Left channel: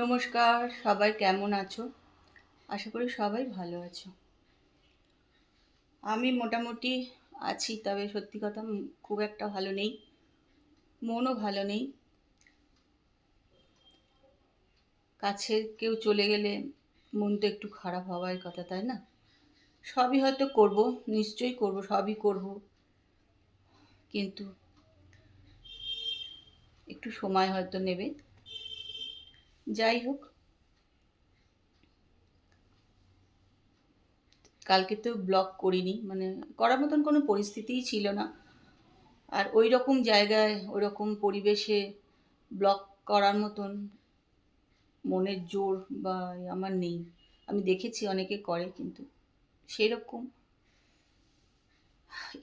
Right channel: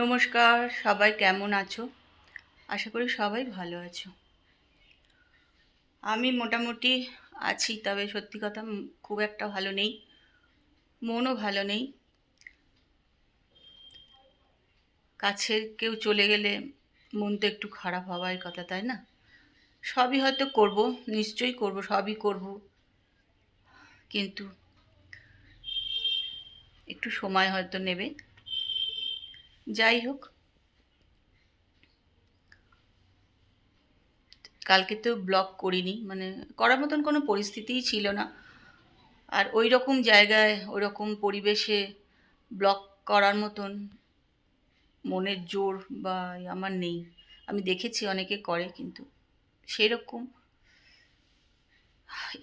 নমস্কার, সবাই কেমন আছো? আশা করি সবাই ভালো আছো। আমি মোটামুটি আছি, তবে সত্যি কথা খুব একটা ভালো নেই, মনও ভালো নেই। কাছের কেউ চলে গেলে মন তো একটু খারাপ হওয়ার কথা, তাই না? সবই হয়তো করব, নিশ্চয়ই করব, সবই করব, কিন্তু একটু সময় হয়তো নেবে। যাই হোক, কালকে তো ব্লগ করিনি, মানে করার মতন কোনো পরিস্থিতিই ছিল না। আর ওই রকম জায়গায়, ওই রকম পরিবেশে ব্লগ করার মতন মনের জোর বা আমার নেই। আমি দেখেছি অনেকে করে, কিন্তু সেরকম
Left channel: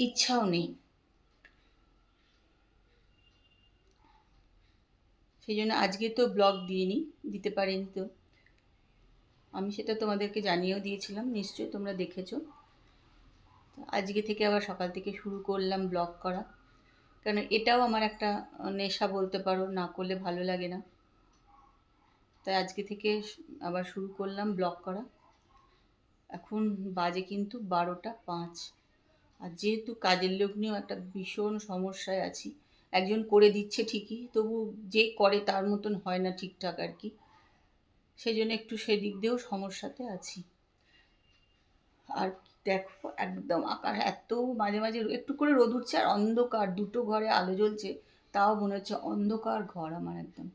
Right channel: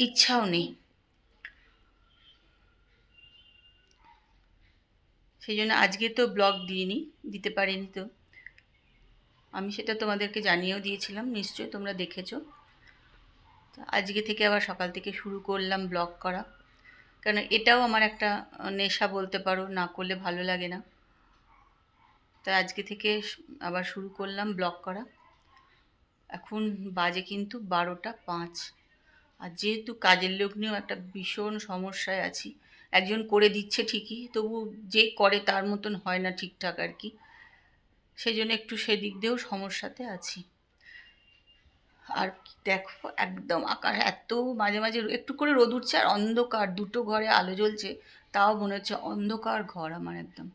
ইচ্ছাও নেই। সেই জন্য আজকে তো ব্লগ দিতে পারিনি। তো আমি সেটা তোমাদেরকে জানিয়েও দিয়েছিলাম, নিশ্চয়ই তোমরা দেখেছো। তো আজকে থেকে আবার সকাল থেকে শুরু করলাম ব্লগ করা, কারণ এটাও আমার একটা নেশা বলতে পারো, না করলে ভালো লাগে না। তাই আজকে থেকে আবার শুরু করলাম ব্লগ করা। এখন বাজে কিন্তু 12টা 5। আর যেহেতু কাজের লোক নিয়েও একটা ভীষণ সমস্যায় আছি। একজন করে দিচ্ছে ঠিকই, তবু যে করে তার মতন হয় না ঠিকঠাক আর কি। সেই জন্য একটু সেদিক দিয়েও সমস্যাতে আছি। আর দেখো, একদম আকাশ এত মাঝে মাঝে একটু করে রোদ উঠছে আর অন্ধকার, দুটো ঘরে আলো জ্বলছে, তাও মনে হচ্ছে অন্ধকার ঘর আমার একদম।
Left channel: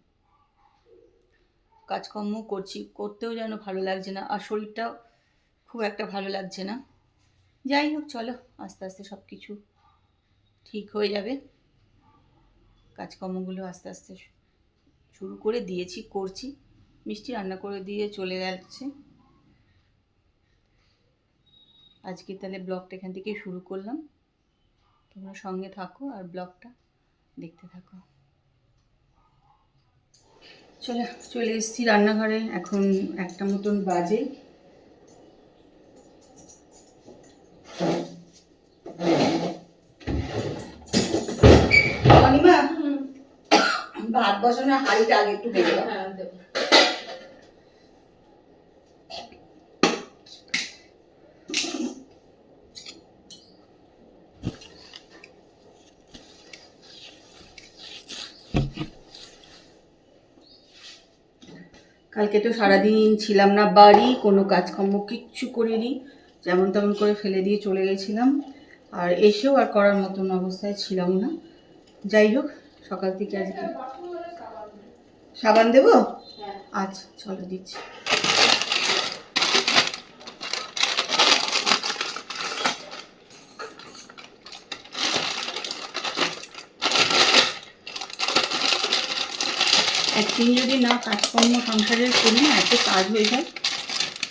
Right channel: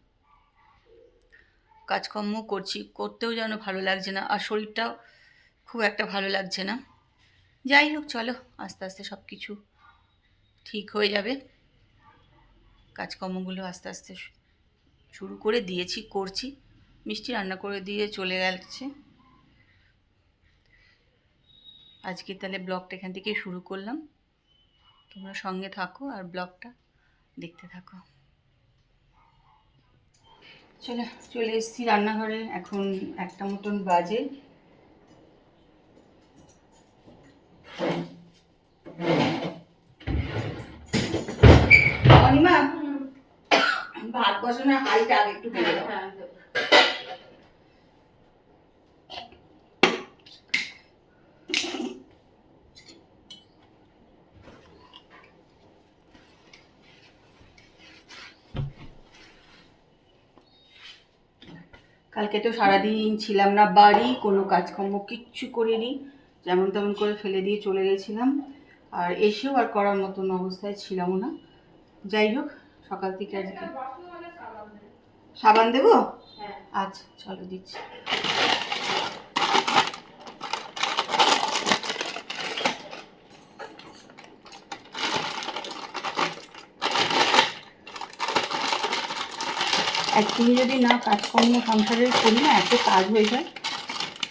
কাজকর্ম করছি, করতেও যেন ভালো লাগছে না, আর শরীরটাও খুব একটা ভালো লাগছে না। যাই হোক, চলো, আস্তে আস্তে সব কিছু ঠিক হয়ে যাবে। কাজকর্মগুলো আস্তে আস্তে শুরু করে দিয়েছি, করছি। মিষ্টি রান্না করে দিয়ে চলে গেছে। আজকে তাহলে ব্লগটা এখান থেকে শুরু করলাম। তোমরা সঙ্গে থাকো আর ব্লগটা দেখতে থাকো। চলে এসেছি রান্নাঘরে, এখন 1টা মতন বাজে। অনিমা, ভাত বসানোর হাঁড়িটা আগে একটু বেড়ে দাও। কালকে তো সারাদিন ছিলাম না বাড়ি, কোনো কাজকর্ম কিচ্ছু করিনি, যেমন তেমন করে ফেলে দিয়ে চলে গেছিলাম। আর এসেও আর করার মতন অবস্থায় ছিলাম না। যাই হোক, সকাল থেকে আজকে সাবান দেবো। আচ্ছা, চলো দিচ্ছি। একদিন যদি না কাজকর্ম সংসারের করি না, এত কাজ হয়ে যায়,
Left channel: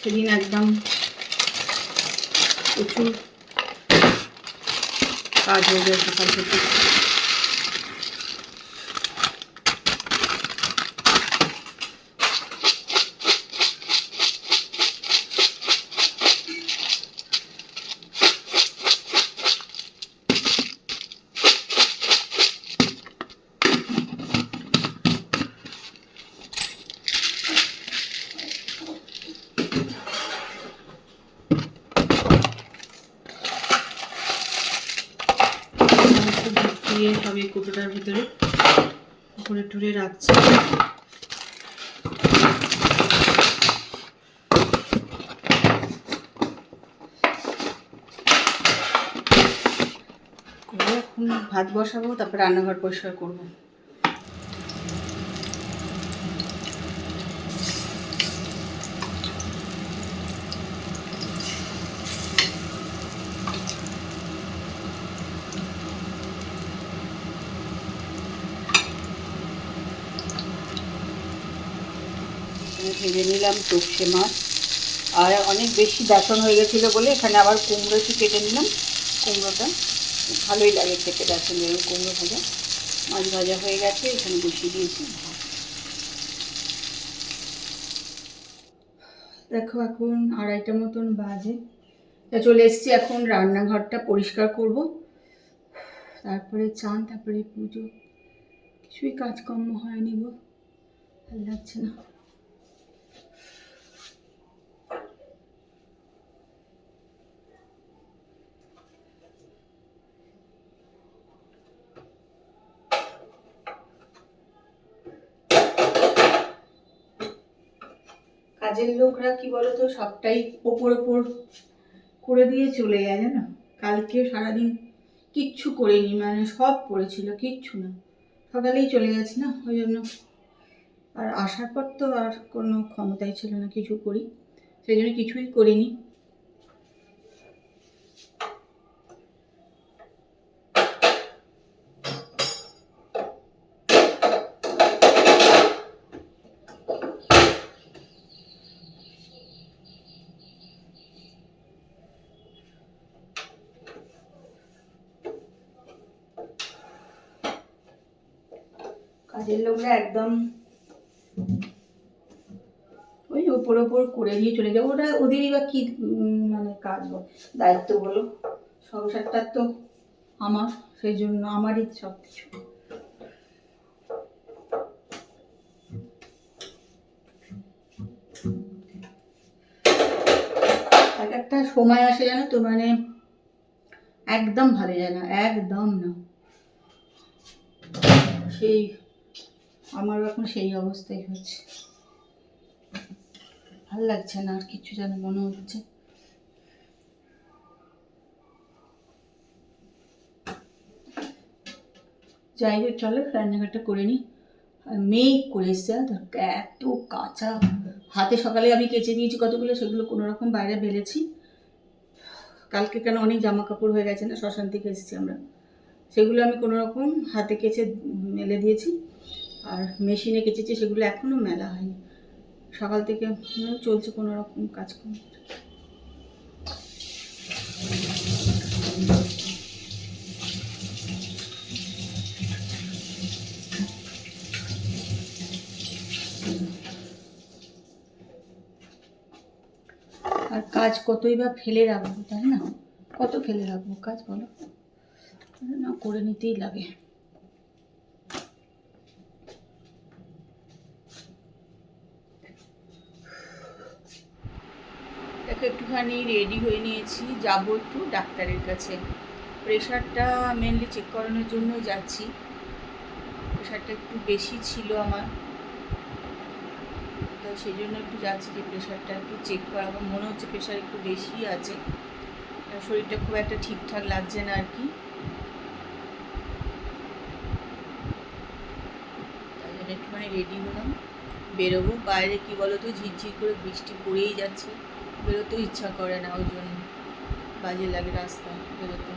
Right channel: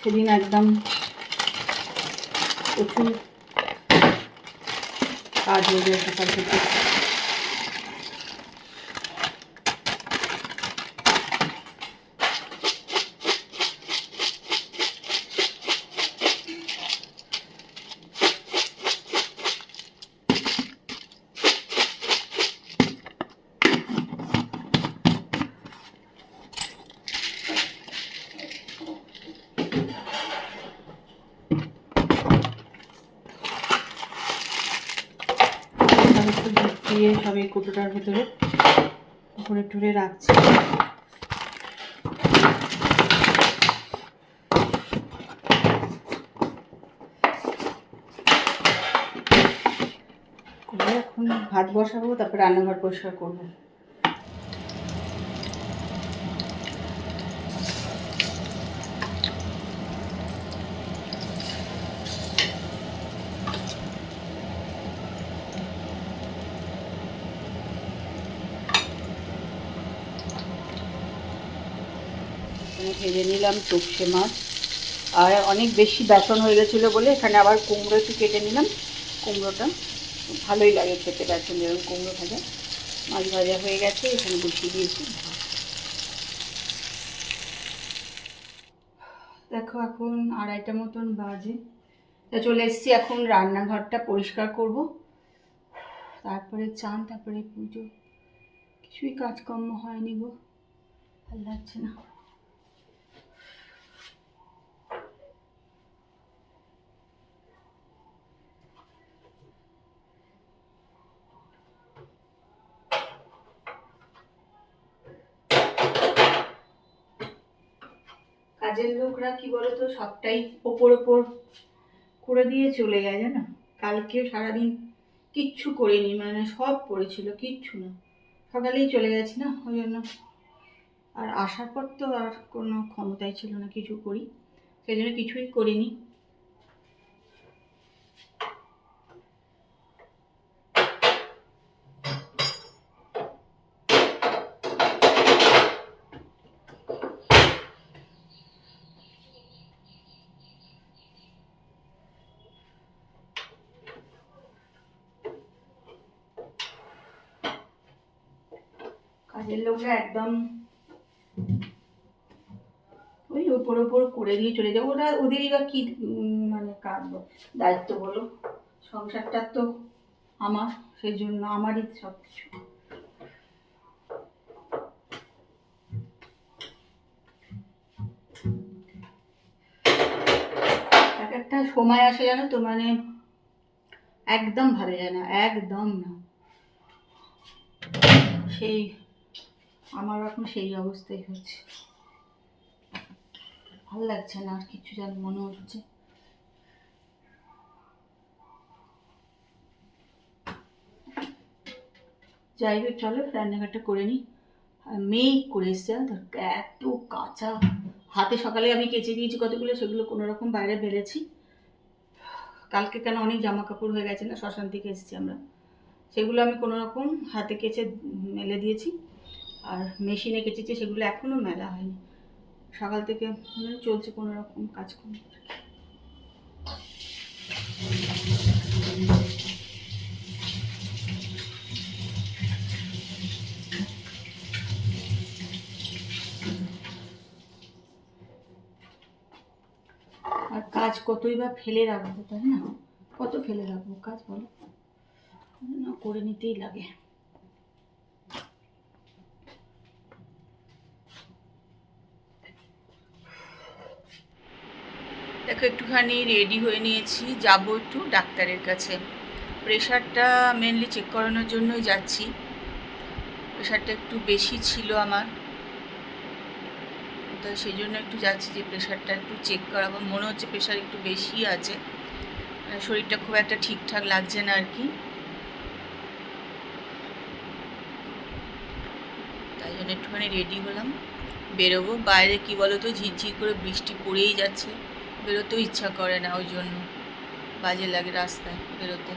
সেদিন একদম প্রচুর কাজ হয়ে যায় সকাল থেকে। দিয়ে সব এই কুটোটার ভেতরে ভরে টরে রাখছি। করে এখন ভাত বসাবো, তারপর রান্নাঘর পরিষ্কার করবো। ভেজে নিলাম তোপসে মাছ, আর অনেক বেশি বেসন হয়ে গেছিলো বলে এখানে আবার কুমড়ো একটু কেটে নিলাম। কুমড়োটা ভালোই লাগে খেতে, বেসন যেরকম কুমড়ো ভাজা। মাছ ভাজা হয়ে গেছে, এখানে বসিয়ে দিয়েছি ভাত। দেখো, এখন 2:30 মতন বাজে। চলে এসেছি, এখন রান্নাঘরটা পরিষ্কার করব। তারপরে চান, তারপরে পুজো, কিছুই কাজকর্ম হয়নি গো, ভালো লাগছে না। কাজের লোকরা কি বলতো, সবটাই ওপর ওপর করে দিয়ে চলে যায়, জানো। কালকে সারাদিন কিচ্ছু করিনি, মানে সব পড়েছিল, কিচ্ছু না, সকালেই চলে গেছি না, ওই জন্য। আর আসার পর তো আর কোনো ক্ষমতাই ছিল না কিছু করি, সেই জন্য কিছুই করিনি। কাজের লোকরা একদম ওই ওপর ওপর করে দিয়ে চলে যাবো, ওরা ওদেরই বা কি মানে কাজ, দায়িত্ব বলো। সংসারটা তো আমার, সেই জন্য আমারই সব কিছু। এক একটা সময় আসে জানো তো, মানে একদম ভালো যায় না, একদম না। সেই আমার এখন সেই অবস্থাই হচ্ছে, ভাল লাগছে না আর কিছু, যেন মনে হচ্ছে। যাই হোক, চলো রান্নাঘাটটা করে নিই। মেঘ করে এসছে, এত কাঁচা হাতে সকালে আমি কেচে দিয়েছি কতগুলো, সেগুলো কোনো রকম বাইরে বেলেছি। কালকে কেন অনেক জামা কাপড় হয়ে গেছে না, শ্মশান থেকে এসেছি আমরা, সেগুলো আমি কোনো রকম হাতে কেচে মেলে দিয়েছি। আর মেশিনে কেচেছি, সেগুলো এখনও মেলা হয়নি। সকাল থেকে চলছে কোনো রকম কাজকর্ম। আর কাজ কতই বা ফেলে রাখবো, তাই না? কত ফেলে রাখবো কাজ, বলো না, করে নিতেই লাগে। দেখো, একটুখানি রেডি হয়ে নিয়েছি, যাবো একটু ডাক্তারের কাছে। প্রেশারটা মেনলি চেক করানোর জন্যই যাচ্ছি। প্রেশারটা একটু বেশি ছিল আমার, তো সেই জন্য একটু যাচ্ছি যে প্রেশারটা একটু চেক করাবো। মনে হচ্ছে প্রেশার একটু বেশি আছে, শরীরটা খুব একটা ঠিকঠাক লাগছে না আর কি, তাই জন্য একটুখানি রেডি হলাম, বেরোবো। বাইরে কি বলো তো, ঝিরঝির করে বৃষ্টি পড়েই যাচ্ছে, বেরোতেও ইচ্ছা করে না, ওই জন্য বাজে লাগে রাস্তায় বেরোতে।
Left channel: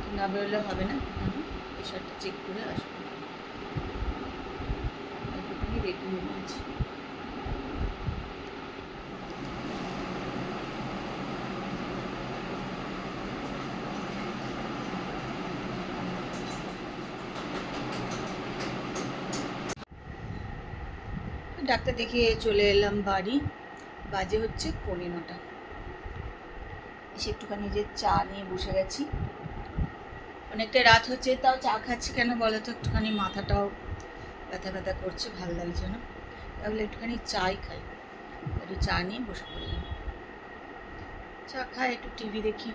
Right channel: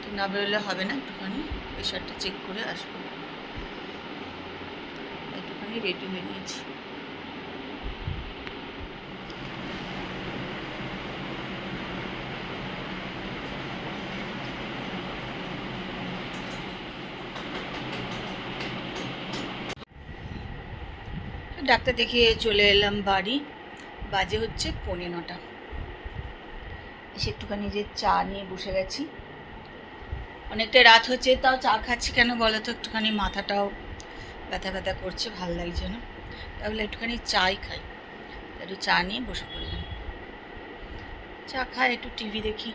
তো না বেরোলে হবে না, একটুখানি প্রেশারটা চেক করে আসবো, একটুখানি রেডি হয়ে নিয়েছি। ডাক্তার দেখিয়ে চলে এলাম বাড়ি, বাজে হচ্ছে 9:45। এসে একটুখানি যে চা নিয়ে বসে গেছি, অনেকটা রাত হচ্ছে, তাও চা খাচ্ছি কেন বলো তো, একটুখানি মাথাটাও ব্যথা ব্যথা করছে, ভাল লাগছে না, তাহলে একটুখানি চাই খাই। একটু চা নিয়ে বসে পড়লাম, চা খাই, একটু টিভি দেখি।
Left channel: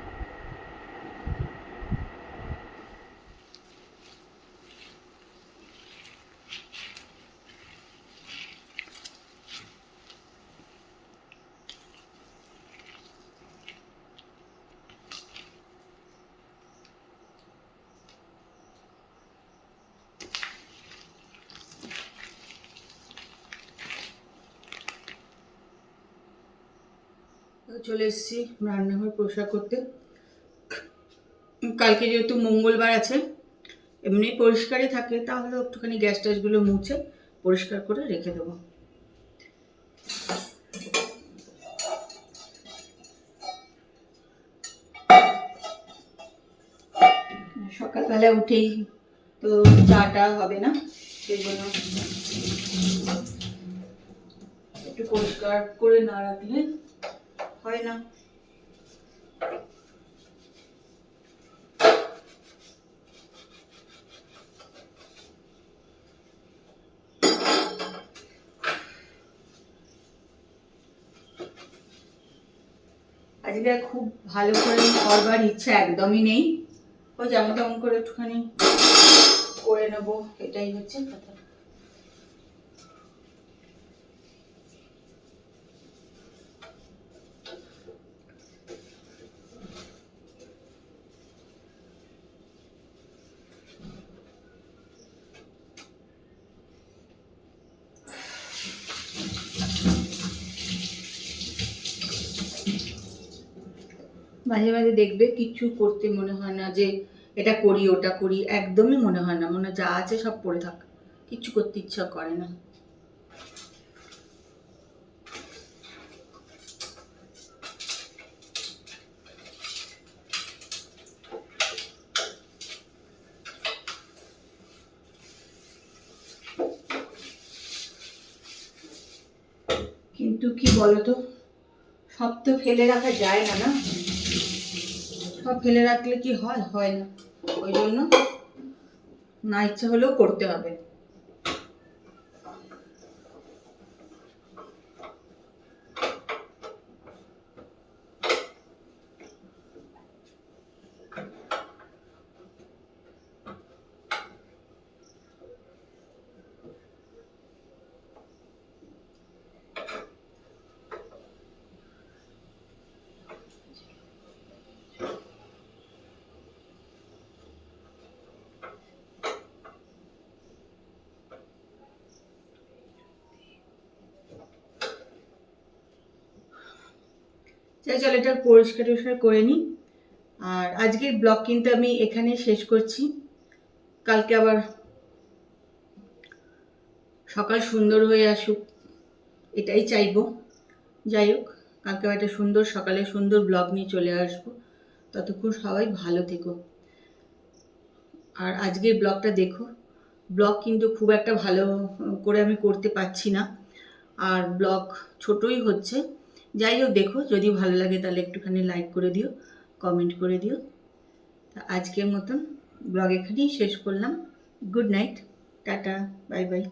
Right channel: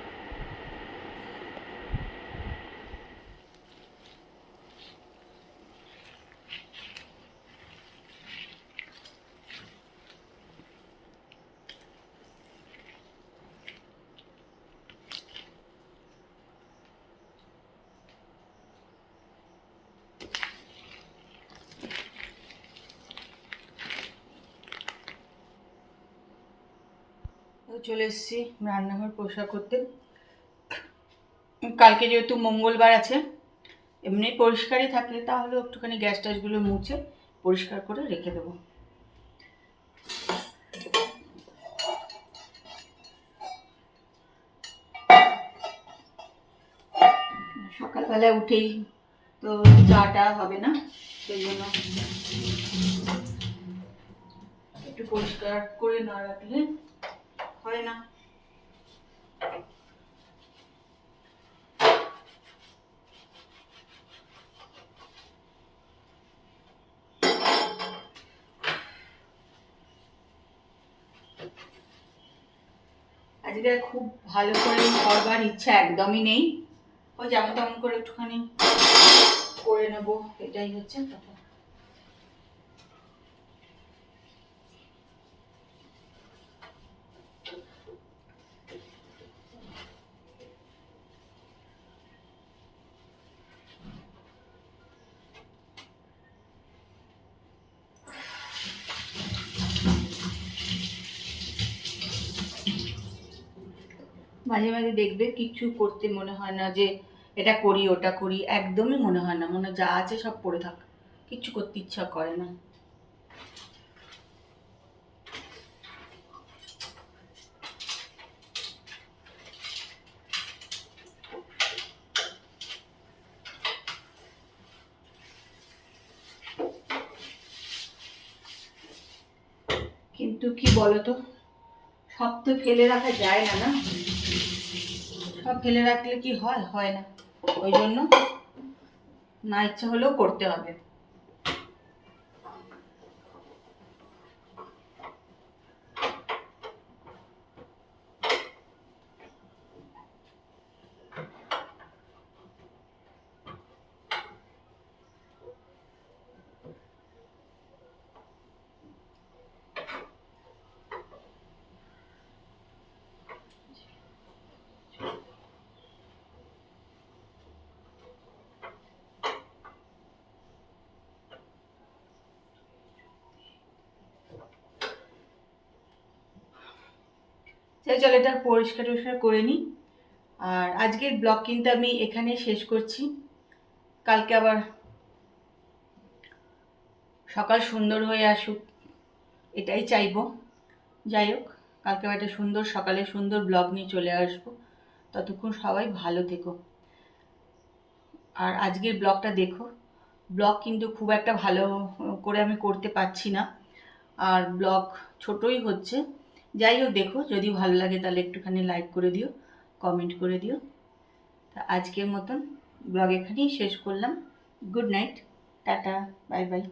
চলে এসেছি রান্নাঘর পরিষ্কার করতে। কালকে যেহেতু মঙ্গলবার আছে, এমনি পরিষ্কারই থাকে, তাহলে একটুখানি গ্যাস ট্যাসগুলো মুছে পরিষ্কার করে রেখে দেবো। সকালবেলা উঠেই তো চাটা হবে না, সেই জন্য একটু পরিষ্কার করে না রাখলে হয় না। আজকে খুব ভালো করে করবার ইচ্ছা একদমই নেই, ওই যেমন তেমন করে একটুখানি করে নেবো, এটাই হচ্ছে কথা। মাঝে মাঝে দেখবে কিচ্ছু করতে মনে হয় না, যে এটা করি ওটা করি, একদমই মনে হয় না, মনে যা আছে সব পড়ে থাক, কিচ্ছু করতে ইচ্ছা করে না। কিন্তু কি বলতো, সব তো ফেলে রাখা যায় না, না সব ফেলে রাখলে কি হয়, হয় না। ওই জন্য না ইচ্ছা হলেও করতে হবে। চল এটা পরিষ্কার টরিষ্কার করে নিই। আর আজকের ব্লগ কিন্তু আমি এখানে শেষ করছি। কালকে আবার সকাল সুন্দর হয়ে আসুক, এটাই চাইবো। যাই হোক, কালকে একটা সুন্দর সকালে সুন্দর ব্লগ নিয়ে চলে আসবো। ততক্ষণ সবাই ভালো থেকো। আর আজকের ব্লগটা দেখো। ব্লগ কিন্তু খুব একটা ভালো করে আমি করতে পারছি না, আর ব্লগ ছোটই হচ্ছে। যাই হোক, দেখো যদি ভালো লাগে তাহলে একটুখানি লাইক করে দিও, কমেন্ট করে দিও। তা আজকের মতন ব্লগ এখানেই শেষ করলাম। Good night, tata, bye bye.